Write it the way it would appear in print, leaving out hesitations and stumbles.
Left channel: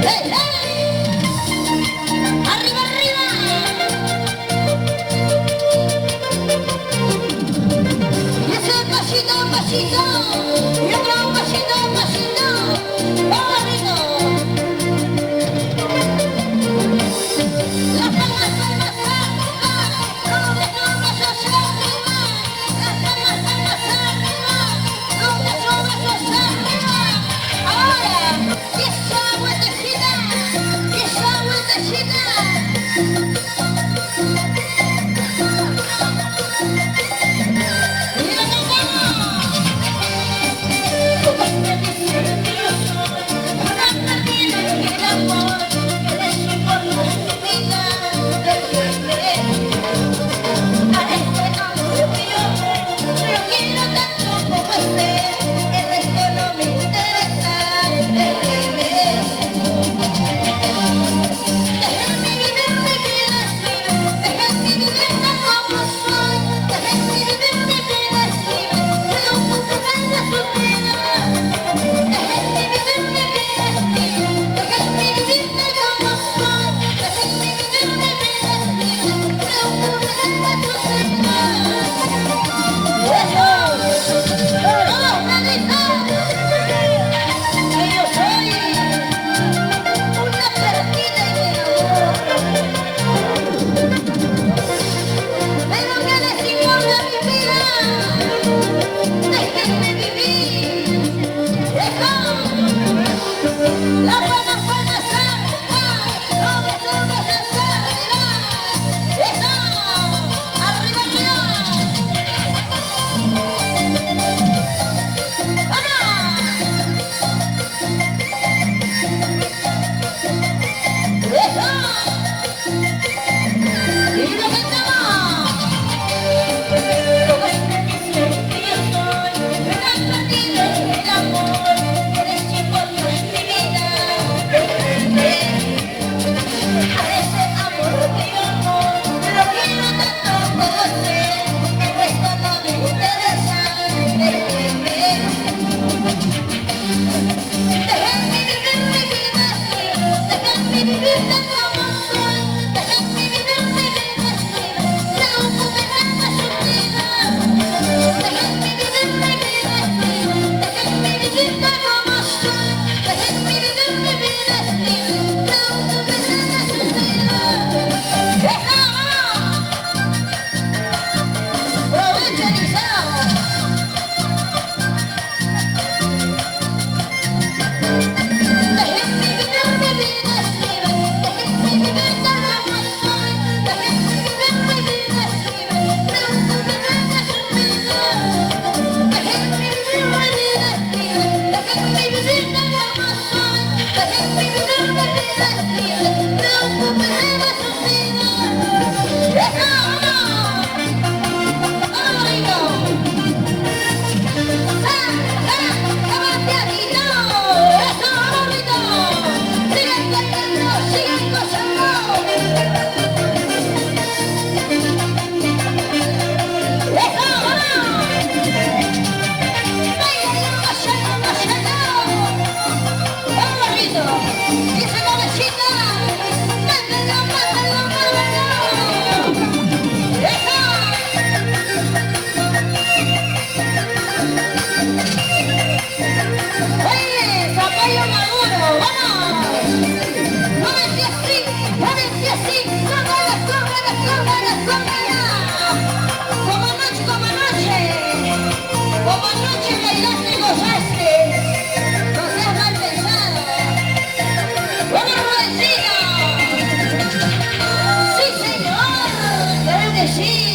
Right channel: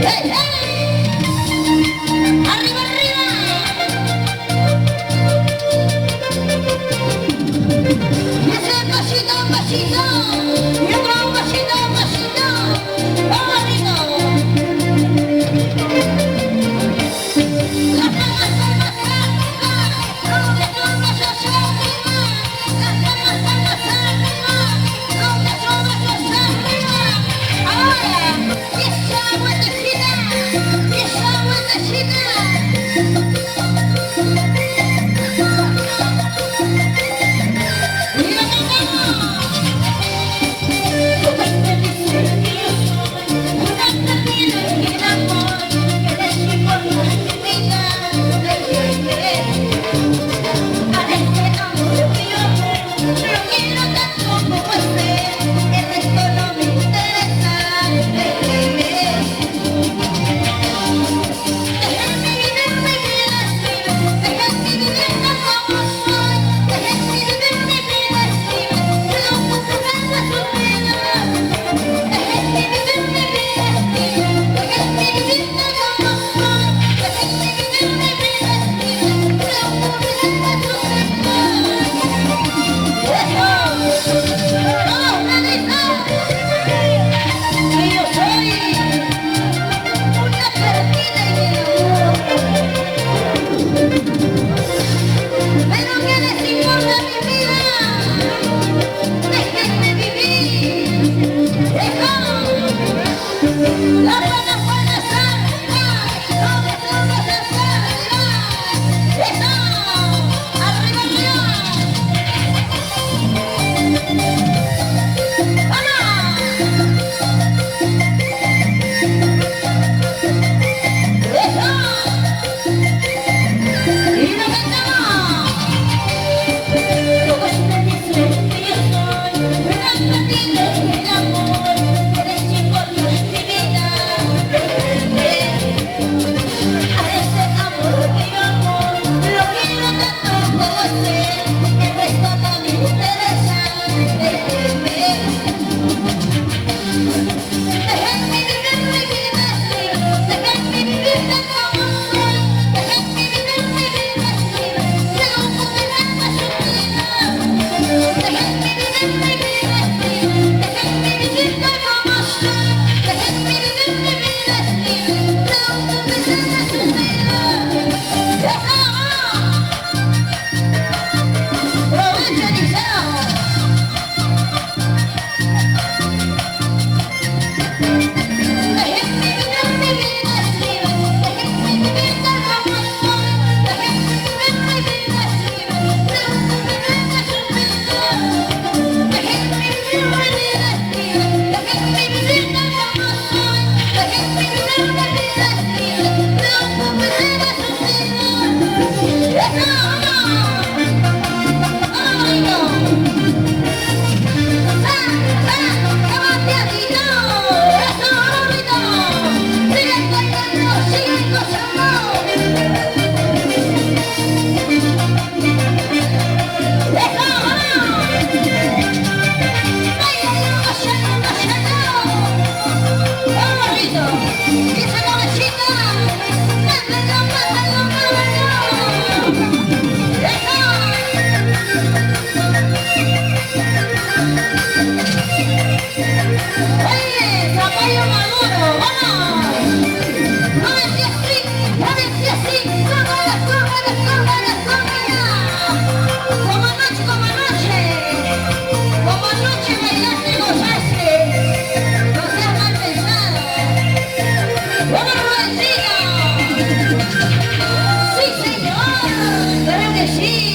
¡Hey, hey! ¡Arriba, arriba! Hace un pasito, un pasito. Y otro un pasito, un pasito. ¡Vamos, rico! Las palmas, palmas, palmas. ¡Los besos hacia arriba! Las palmas, palmas arriba. ¡Los besos arriba! Ahora, esa vueltecita. Esa vueltecita. ¡Oye! ¡Zapallo maduro! ¡Vamos! ¡Muévete así! ¡Muévete así! ¡Súbala, súbala, súbala, súbala! ¡Como anoche, como anoche! ¡Como anoche bailaste y gozaste! ¡No seas mal pensado! ¡Vamos, Rubensito! ¡Sí, señor! ¡Claro que sí!